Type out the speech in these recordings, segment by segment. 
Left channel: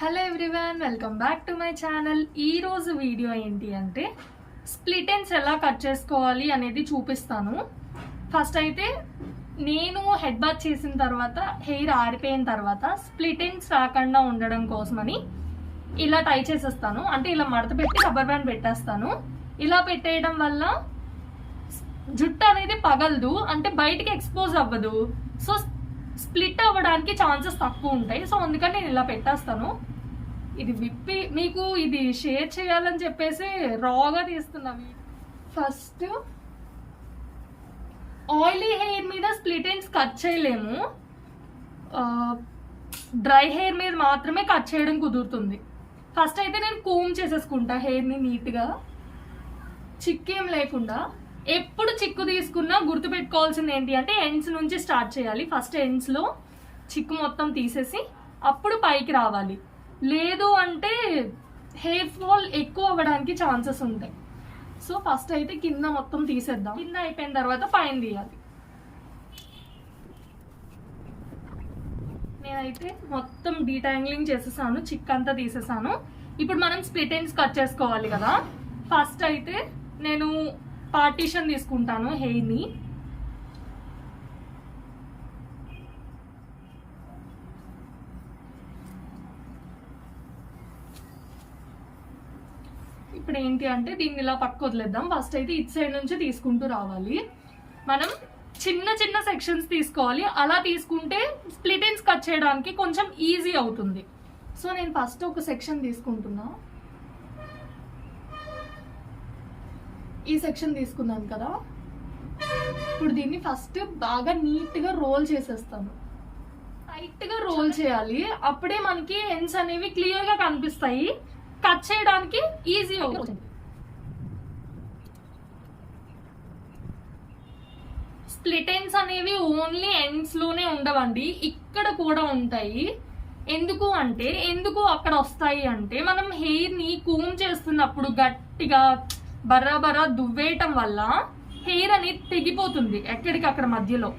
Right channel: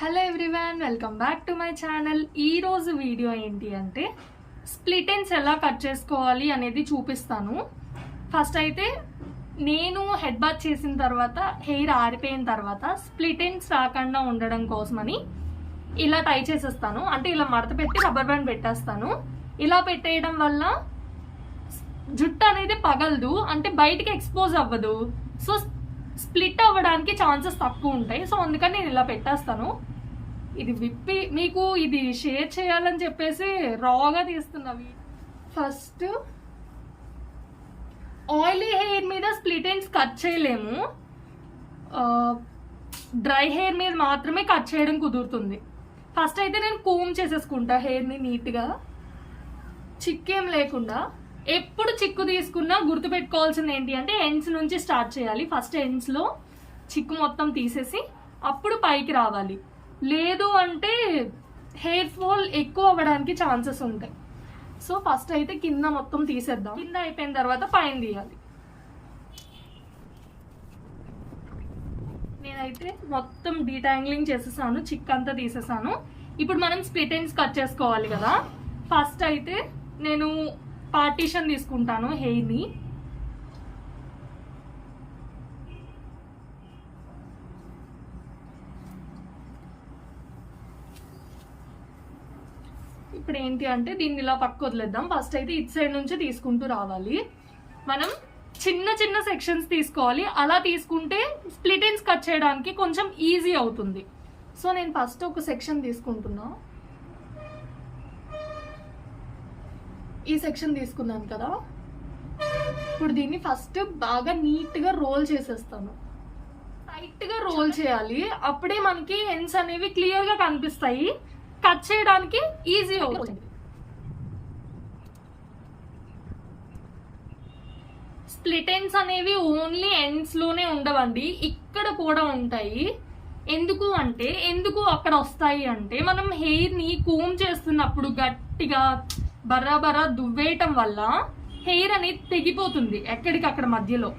Hello everyone welcome back to my channel ఈ రోజు video ఏంటి అంటే స్ప్లిట్ ఎండ్స్ ఎలా కట్ చేసుకోవాలి అనేది చూపిస్తాను. ఫస్ట్ అయితే నేను హెడ్ బాత్ చేసిన తర్వాత హెయిర్ ఆరిపోయిన తర్వాత స్ప్లిట్ ఎండ్స్ రాకుండా ఉండడం కోసమని ఇలా టై చేసేస్తాను. అంటే ఇలా మడత పెట్టి రబ్బర్ బ్యాండ్ పెట్టేస్తాను. ఇలా పెట్టేయడం వల్ల జుట్టు అనేది పగలదు అంటే బయటికి ఎక్స్పోజ్ అవ్వదు. సో స్ప్లిట్ అవ్వడానికి ఛాన్సెస్ తక్కువ ఉంటాయి. సో అందుకని నేను ఇలా పెట్టేస్తాను. ఇది విప్పి మీకు ఇది షేర్ చేయాలని చెప్పేసి రాగా తీస్తున్నవి ఫస్ట్ ఆయిలీ హెయిర్ మీద స్ప్లిట్ ఎండ్స్ కట్ చేయలేము. డ్రై హెయిర్ మీద మాత్రమే కట్ చేయడం కుదురుతుంది. ఫస్ట్ అయితే నేను కూమ్ చేసేసుకుంటా హెయిర్ని నీట్గా. చిక్కేం లేకుండా. ఎప్పుడు చిక్కు తీసుకున్నా గుర్తుపెట్టుకోవాల్సింది ఏంటి అంటే ఎండ్స్ నుంచి స్టార్ట్ చేయాలి. ఫస్ట్ ఎండ్స్లో చిక్కు మొత్తం తీసేసి అప్పుడు పైకి రావాలి. లేదు అంటే హెయిర్ ఫాల్ ఎక్కువ అవ్వడానికి ఛాన్సెస్ ఉంటాయి. సో ఫస్ట్ అయితే కింద మొత్తం తీసేద్దాం. కింద అయిపోయిన తర్వాత పైన తీయాలి. నేనైతే మొత్తం డీటాంగ్లింగ్ చేసేసాను చిక్ అంతా తీసేసాను. ఇప్పుడు మనం స్ప్లిట్ ఎండ్స్ కట్ చేసుకోవాలి కదా. ఫస్ట్ అయితే నేను పార్టీషన్ తీసుకుంటాను హెయిర్ని. ఇప్పుడు ఏంటి అంటే దీన్ని ఇలా పక్క వదిలేద్దాం. ఫస్ట్ అయితే ఇటు సైడ్ నుంచి తీసుకుంటూ రావాలి. మనం చిన్న చిన్న సెక్షన్స్ తీసుకోవాలి. అలా తీసుకుంటే స్ప్లిట్ ఎండ్స్ కట్ చేయడానికి కొంచెం ఈజీ అవుతుంది. సో నేను ఫస్ట్ ఒక సెక్షన్ తీసుకుంటున్నా. ఈ సెక్షన్ తీసుకున్నాను కదా. ఇప్పుడు దీన్ని ఫస్ట్ బాగా నీట్గా రోల్ చేసేస్తాను. టైట్గా రోల్ చేయాలి. అప్పుడే మనకి హెన్స్ అనేవి క్లియర్గా కనిపిస్తాయి. కట్ చేయడానికి ఈజీ అవుతుంది. స్ప్లిట్ ఎండ్స్ అనేవి ఓన్లీ ఎండ్స్లోనే ఉండవండి. ఇక్కడ కూడా ఉంటాయి. ఎందుకు అంటే ఎందుకు అక్కడ వస్తాయి అంటే మనం హెయిర్ని కూమ్ చేస్తున్నప్పుడు గట్టిగా బర్రా బర్రా దువ్వేయటం వల్ల హెయిర్ అనేది తెగిపోతుంది ఎక్కడికక్కడ మధ్యలో.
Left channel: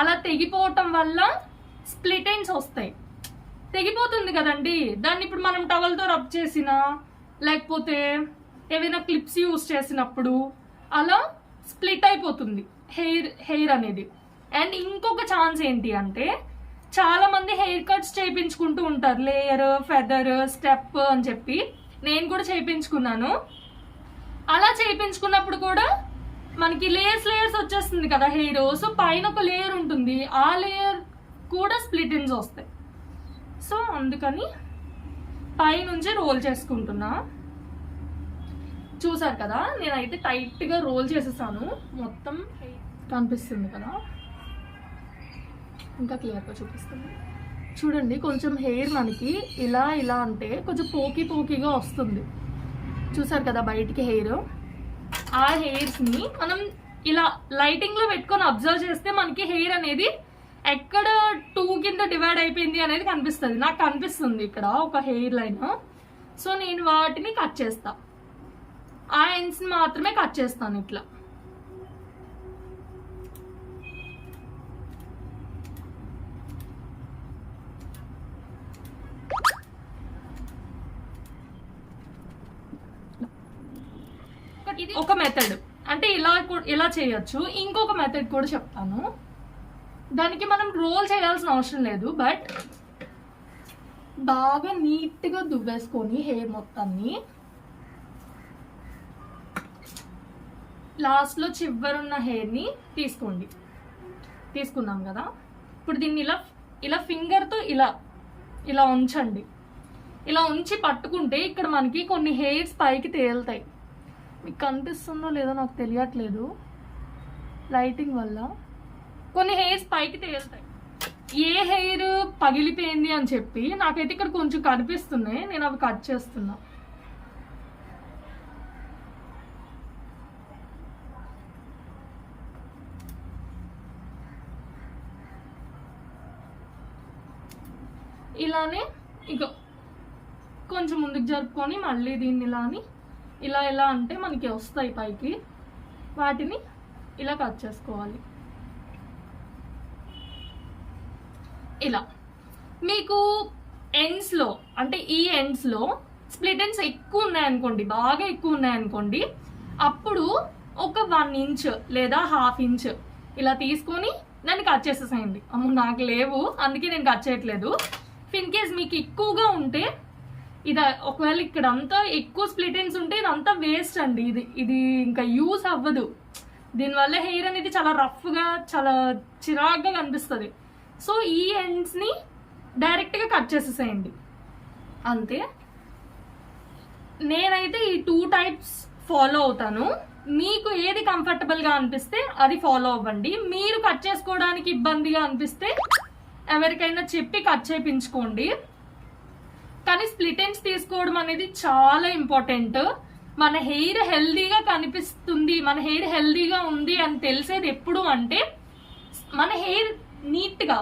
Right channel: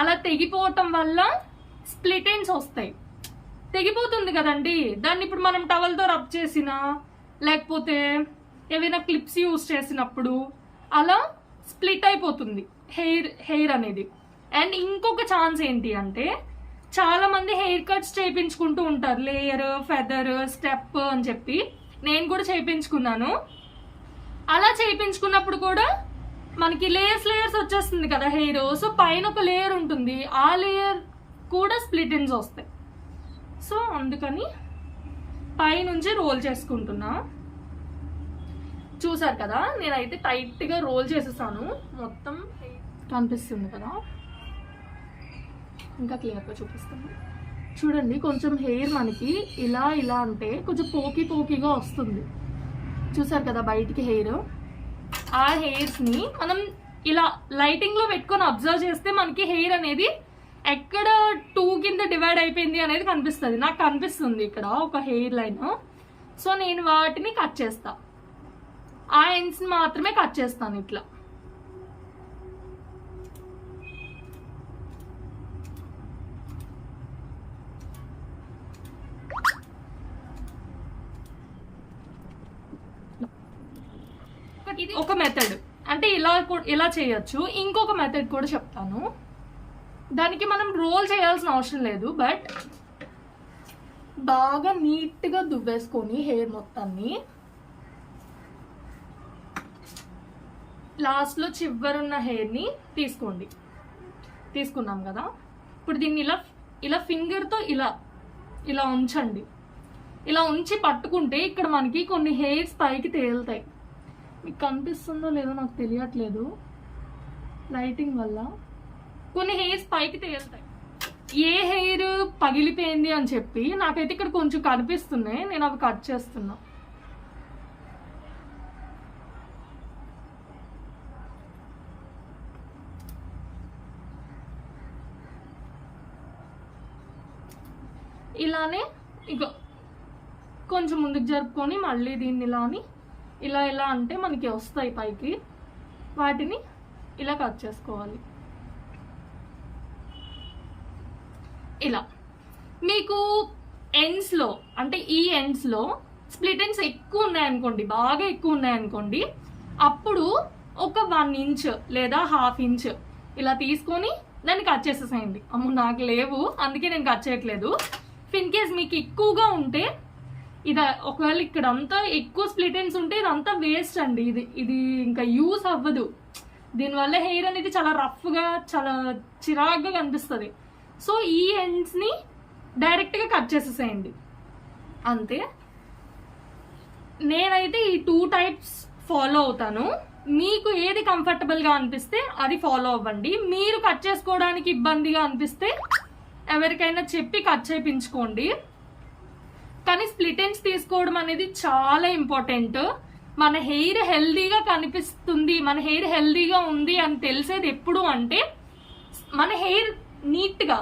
అలా తెగిపోవటం వల్ల స్ప్లిటైన్స్ వస్తాయి. తెగిపోతుంది కదండి. దాన్ని ఇప్పుడు మనం టవల్తో రబ్ చేసినా లేకపోతే ఏవైనా క్లిప్స్ యూస్ చేసినప్పుడు అలా స్ప్లిట్ అయిపోతుంది హెయిర్ హెయిర్ అనేది. అండ్ ఇంకొక ఛాన్స్ ఏంటి అంటే చాలామంది హెయిర్ కట్స్ చేయించుకుంటూ ఉంటారు. లేయర్ ఫెదర్ స్టెప్ అని చెప్పి. నేను కూడా చేయించుకున్నాను అలా చేయించుకున్నప్పుడు కూడా మనకి లేయర్స్ లేయర్స్ వచ్చేస్తుంది కదా హెయిర్. సో పైన ఒక లేయర్ ఉంటుంది. ఆ లేయర్ కూడా స్ప్లిట్ ఇన్స్ వస్తాయి. సో అందుకని పైనుంచి రోల్ చేసుకుంటున్నా. చూసారు కదా నేనైతే టైట్గా రోల్ చేసేసాను. మొత్తం కనిపిస్తుంది కదా. ఇంకా క్లియర్గా చూపిస్తుంది చూడండి కొంచెం హెయిర్ మనకి ఇలా ఇలా అంటే కొంచెం పోకి పోకిగా వస్తుంది. చూసారు కదా బయటికి హెయిర్ ఆ హెయిర్స్ని మనం ఇలా లైటింగ్లో పెట్టుకొని అబ్జర్వ్ చేస్తే మనకి హెయిర్ అనేది ఎక్కడ టూ కింద డివైడ్ అయిపోయింది అనేది కనిపిస్తుంది. నాకు కనిపిస్తుంది ఇక్కడ ఒక హెయిర్ లైన్ సో నేను వాటిని కట్ చేస్తా. ఆ ఎండ్స్ని మాత్రమే కట్ చేస్తాను ఇట్లా. ఇది ఒక మెథడ్ అంటే ఇలా ఇలా చేయొచ్చు. ఇంకొక మెథడ్ కూడా చెప్తాను. దానికి మనం రోల్ చేయాల్సిన అవసరం లేదు బట్ బాగా నీట్గా దువ్వేసుకొని హెయిర్ మొత్తాన్ని. లాస్ట్లో చివరున్న హెయిర్ని తీసుకోండి. తీసుకున్నాం కదా. ఇప్పుడు దీన్ని ఇలా ఇలా ఫింగర్తో ఇలా ఇలా ఉంచండి. ఇలా ఉంచి పట్టుకుంటే ఇక్కడ మనకి కొన్ని హెయిర్స్ పైకి తేలుతాయి. మీకు కనిపిస్తుందో లేదో నాకు తెలియట్లేదు. లైటింగ్ వల్ల. కొన్ని హెయిర్స్ పైకి తేలుతాయి. ఏ హెయిర్ పగిలిపోయింది అని చెప్పి నాకైతే ఇక్కడ కొంచెం కనిపిస్తున్నాయి. నేను అవి కట్ చేస్తున్నా. ఇలానే ఇక కొంచెం ముందుకు జరుపుకొని మళ్ళీ దీన్ని ఇలా అని ఇలా ఇలా అంటే మనకి వస్తాయి పైకి. వాటిని ఇలా కట్ చేసుకోవాలి. ఇలా. మీకు ఎండ్స్లో అంటే ఈ ఎండ్స్లో స్ప్లిట్ ఎండ్స్ ఎక్కువ ఉన్నాయనుకోండి బాగా ఎక్కువ ఉన్నాయనుకోండి అప్పుడు ఒక వన్ ఇంచ్ లేదా హాఫ్ ఇంచ్ ఇలా తీసుకొని దాన్ని కట్ చేసేసేయండి. అమ్మ నాకు లేవు అందుకే నేను కట్ చేయట్లేదు. ఫిన్ కేస్ మీకు ఎక్కువగా ఉంటే ఇది ఒకవేళ ఇక్కడ అంతా ఎక్కువ స్ప్లిట్ ఎండ్స్ ఉంటే ఇదంతా వేస్ట్ అండి. ఇది ఇది ఇంకా యూస్ అవ్వదు. దీనివల్ల హెయిర్ అనేది చాలా రఫ్గా చాలా చిరాగ్గా కనిపిస్తుంది. సో ఈ ఎండ్స్ని డైరెక్ట్గా కట్ చేసేసేయండి. అంతే. నేనైతే ఈ టూ టైప్స్ ఫాలో అవుతాను. మీకు ఏది కంఫర్టబుల్గా అనిపిస్తే అది ఫాలో అవ్వండి. మీరు కట్ చేసుకోవడానికి ఇబ్బందిగా అనిపిస్తే ఎవరికైనా చెప్పి కట్ చేయించుకోండి. కానీ స్ప్లిట్ ఎండ్స్ తీసుకోవడం అనేది చాలా ఇంపార్టెంట్ మన హెయిర్ హెల్దీగా కనిపిస్తుంది మన హెయిర్ హెల్దీగా ఉంది అని తెలిసేది ఎప్పుడు అంటే మన హెయిర్ నీట్గా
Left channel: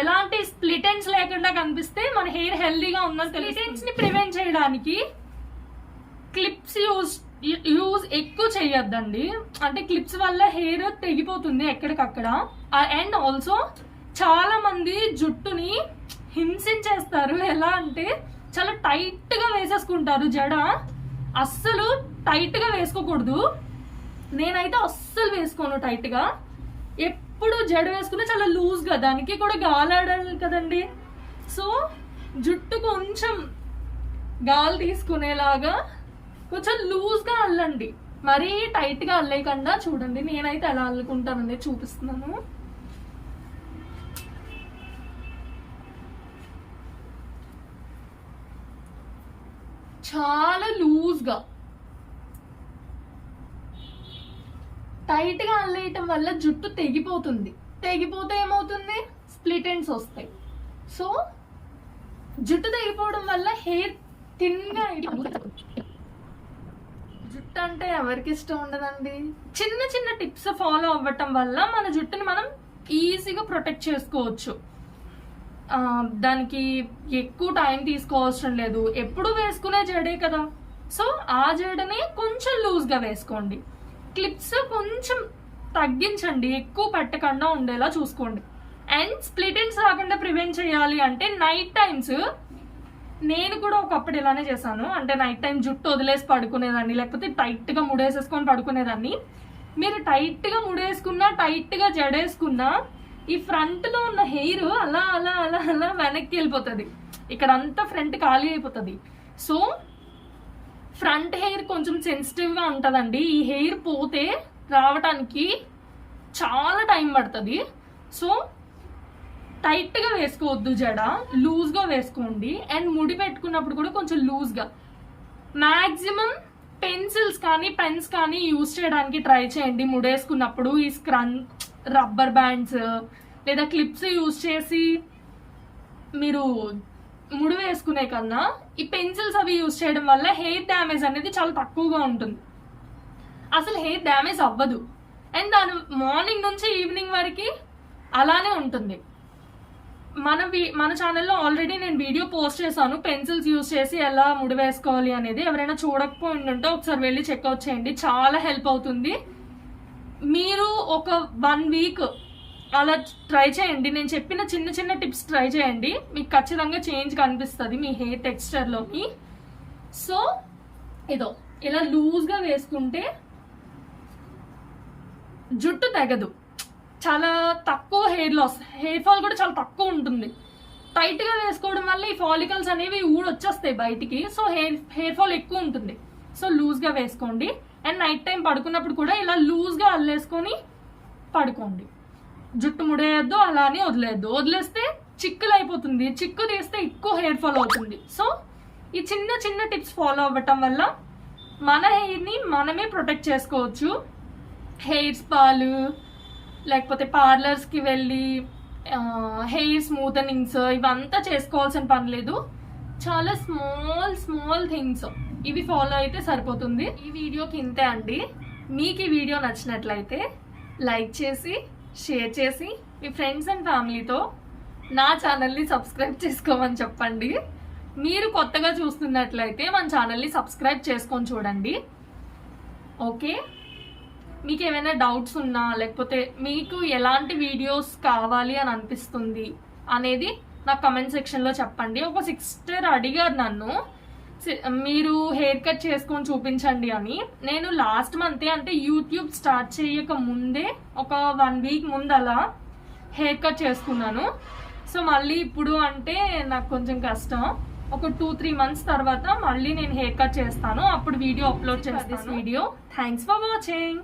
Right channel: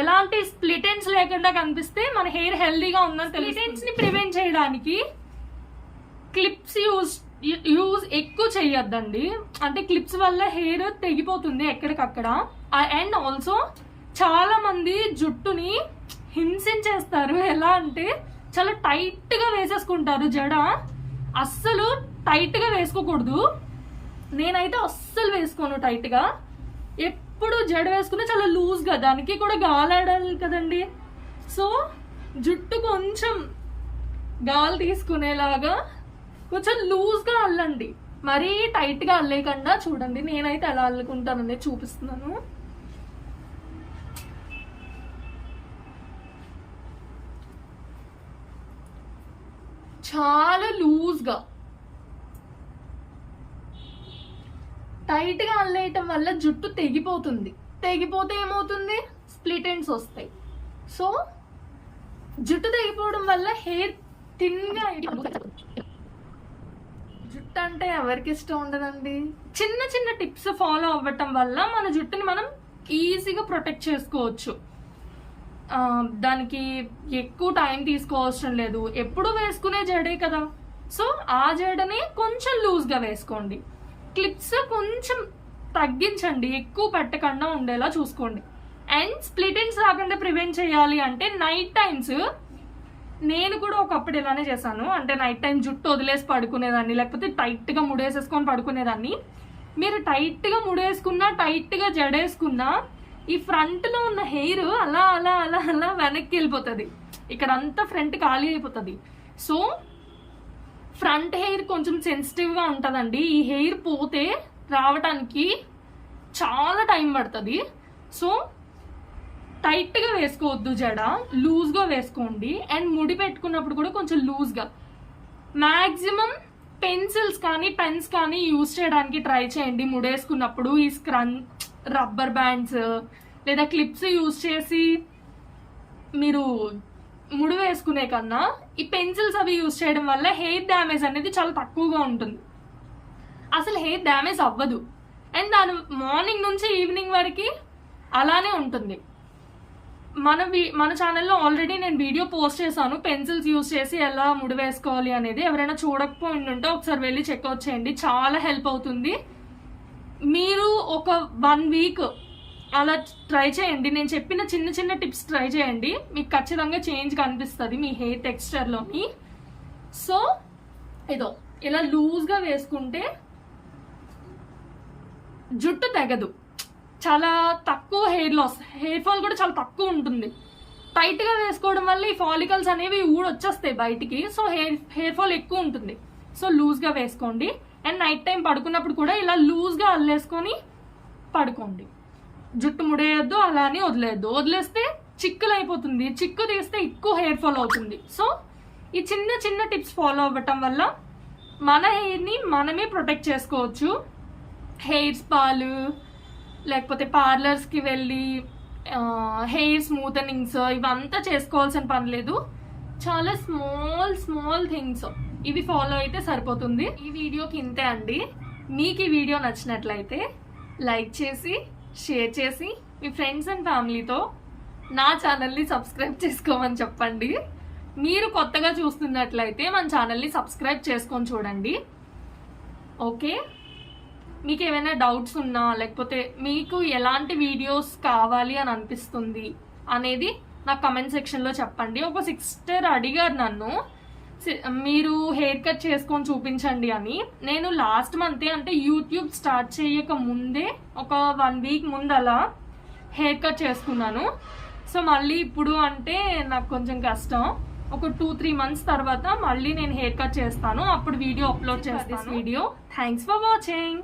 ఎలాంటి స్ప్లిట్ ఎండ్స్ లేకుండా కనిపిస్తే మన హెయిర్ హెల్దీగా ఉందని స్ప్లిట్ ఎండ్స్ని ప్రివెంట్ చేయడానికి క్లిప్స్ యూజ్ యూజ్ ఎక్కువ చేయొద్దండి. అంటే క్లిప్స్ వల్ల హెయిర్ తెగిపోతుంది ఎక్కడికక్కడ. అండ్ ఆల్సో చాలా మంది జుట్టుని హింసించేస్తారు. ఎలా అంటే చాలా టైట్గా వేసేసుకుంటారు జడ. అస్సలు టైట్గా వేసుకోకూడదు. నేనైతే అస్సలు వేసుకోను టైట్గా. ఎప్పుడు జడ వేసుకుని చాలా లూజ్గా దానికి కూడా గాలాడాలి కదండి. సో జుట్టు కొంచెం గాలి తీసుకునేలాగా కొంచెం లూజ్గా అల్లండి. మరీ టైట్గా అల్లేకుండా అల్లేయకుండా చూడండి. నేనైతే ఎలా అల్లుకుంటాననేది చూపిస్తున్నాను. చాలా లూజ్గా. టైట్గా అల్లేయటం వల్ల జుట్టు తెగిపోతుంది. తెగిపోతే ఏమవుతుంది? స్ప్లిట్ ఎండ్స్ వస్తాయి. సో జుట్టు తెగిపోవడం వల్ల హెయిర్ థిన్గా జుట్టు అంటే ఎవరికి ఇష్టం ఉండదండి? చిన్న చిన్న టిప్స్ ఫాలో అవ్వటం వల్ల మన జుట్టుని మనం ఈజీగా ప్రొటెక్ట్ చేసుకోవచ్చు. దానికి ఎక్కువ టైం తీసుకోవాల్సిన లేదు. ఎప్పుడు వేసుకునే జడే కదా. సో ఆ జడని కొంచెం లూజ్గా వేసుకోండి. క్లిప్స్ కొంచెం తగ్గించండి. ఎక్కువ పెట్టకుండా ఉండేలా చూసుకోండి. అండ్ స్ప్లిట్ ఎండ్స్ రాకుండా ప్రివెంట్ చేయాలి అంటే నైట్ టైమ్స్ నేను కూడా ఒకప్పుడు ఇలానే చేశాను. అంటే నైట్ టైం జుట్టు వదిలేసి పడుకునేదాన్ని లేకపోతే టైట్గా ముడేసేసుకొని పడుకునేదాన్ని. మీరు టైట్గా ముడేసుకున్నా టైట్గా జడేసుకున్నా ఈ ఫ్రంట్లో ఉన్న హెయిర్ అలా అలా అలా అలా వెనక్కి వెళ్ళిపోతుంది. ఇక్కడ అంతా ఫ్రంట్ ఖాళీ అయిపోతుంది. సో ఫ్రంట్ హెయిర్ కొంచెం సెన్సిటివ్గా ఉంటుందండి. ఈ హెయిర్ పోతే రావటానికి చాలా టైం పడుతుంది. సో టైట్గా వేసుకోవద్దు జడ. లూజ్గా వేసుకోండి. అండ్ ముడి పెట్టుకున్నప్పుడు కూడా కొంచెం లూజ్గా మ్యాక్సిమం పెన్సిల్స్ కానీ పెన్స్ కానీ యూజ్ చేయడానికి ట్రై చేయండి. ముడేసుకున్నప్పుడు ఈ స్క్రన్ రబ్బర్ బ్యాండ్స్ లేదా క్లిప్స్ యూజ్ చేసి మీరు ముడి వేసుకునే కన్నా ఈ పెన్సిల్స్ అవి యూజ్ చేయడం వల్ల హెయిర్ డ్యామేజ్ అనేది చాలా తక్కువగా ఉంటుంది. అసలు హెయిర్ డ్యామేజ్ అవ్వదు. అండ్ దాని మార్నింగ్ నుంచి ఈవినింగ్ వరకు అలానే ఉంటుంది. మన మన ఛానల్లో ఆల్రెడీ నేను వీడియో పోస్ట్ చేశాను. పెన్సిల్స్ యూజ్ చేసి ఎలా ముడి వేసుకోవాలి అనేది ఎవరైనా చూడకపోయి ఒకసారి వెళ్ళి చెక్అవుట్ చేయండి. చాలా హెల్ప్ అవుతుంది. మీరు ఒక వన్ వీక్ అలా ట్రై చేయండి. నేను చెప్పిన చిన్న చిన్న టిప్స్ ట్రై చేయండి. మీకు ఖచ్చితంగా చేంజ్ కనిపిస్తుంది మీ హెయిర్ టెక్స్చర్లోని సో ఏదో ఇలా లూజ్గా వేసుకుంటే జుట్టు తెగదు. చాలా తక్కువ హెయిర్ లాస్ హెయిర్ ఫాల్ కూడా చాలా తక్కువ ఉంటుంది. టైట్గా వేసుకోవడం వల్ల ఈ ఫాలికల్స్ అనేవి ఊడొచ్చేస్తాయి బయటికి. సో హెయిర్ హెయిర్ ఫాల్ ఎక్కువ ఉంటుంది. సో లూజ్గా వేసుకోండి. అండ్ నైట్ టైం పడుకున్నప్పుడు కూడా ఇలా లూజ్గా అల్లేసుకొని పడుకోండి. జుట్టు ముడేయద్దు అలా అని వదిలేయద్దు. వదిలేస్తే చిక్కులు అయిపోతుంది చిక్కు తీస్తే ఎక్కువ హెయిర్ ఫాల్ అవుతుంది. సో ఈ చిన్న చిన్న టిప్స్ ఫాలో అవ్వటం వల్ల మన హెయిర్ని మనమే ప్రొటెక్ట్ చేసుకోవచ్చు. హెయిర్ స్పాలు లేకపోతే పార్లర్స్కి వెళ్ళి హెయిర్ స్మూతనింగ్స్ ఇవంతా చేసుకోవాల్సిన పని లేదు. చాలా స్మాల్ స్మాల్ థింగ్స్ ఇవి ఫాలో అయితే సరిపోతుంది. ఈ వీడియోకి ఇంతే అండి. మీకు ఈ వీడియో నచ్చినట్లయితే లైక్ చేసి షేర్ చేసి మీ ఫ్రెండ్స్ అండ్ ఫ్యామిలీతో నా ఛానల్ని సబ్స్క్రైబ్ చేసుకోమని చెప్పండి. మీరు కొత్తగా చూస్తున్నట్లయితే మన ఛానల్ని సబ్స్క్రైబ్ చేసుకొని చూడండి. ఓకే? మీకు ఏమైనా డౌట్స్ ఉన్నా లేకపోతే మీకు ఎలాంటి వీడియోస్ కావాలి అని అనిపిస్తుంది అనేది నాకు కమెంట్ సెక్షన్లో చెప్పండి. ఒక సిక్స్టర్ అడిగారు నన్ను మీరు హెయిర్ కట్ చేసుకొని చూపించండి అని. నేను లాస్ట్ మంతే అంటే యూట్యూబ్ స్టార్ట్ చేయక ముందే ఒక వన్ వీక్ ముందు అలా హెయిర్ కట్ చేసుకున్నాను. సో మళ్ళీ ఇప్పుడు అంటే నాకు కొంచెం కష్టం. ఒక టూ త్రీ మంత్స్ తర్వాత మళ్ళీ నేను హెయిర్ కట్ చేస్తాను. అప్పుడు వీడియో అప్లోడ్ చేస్తాను. Video thanks for watching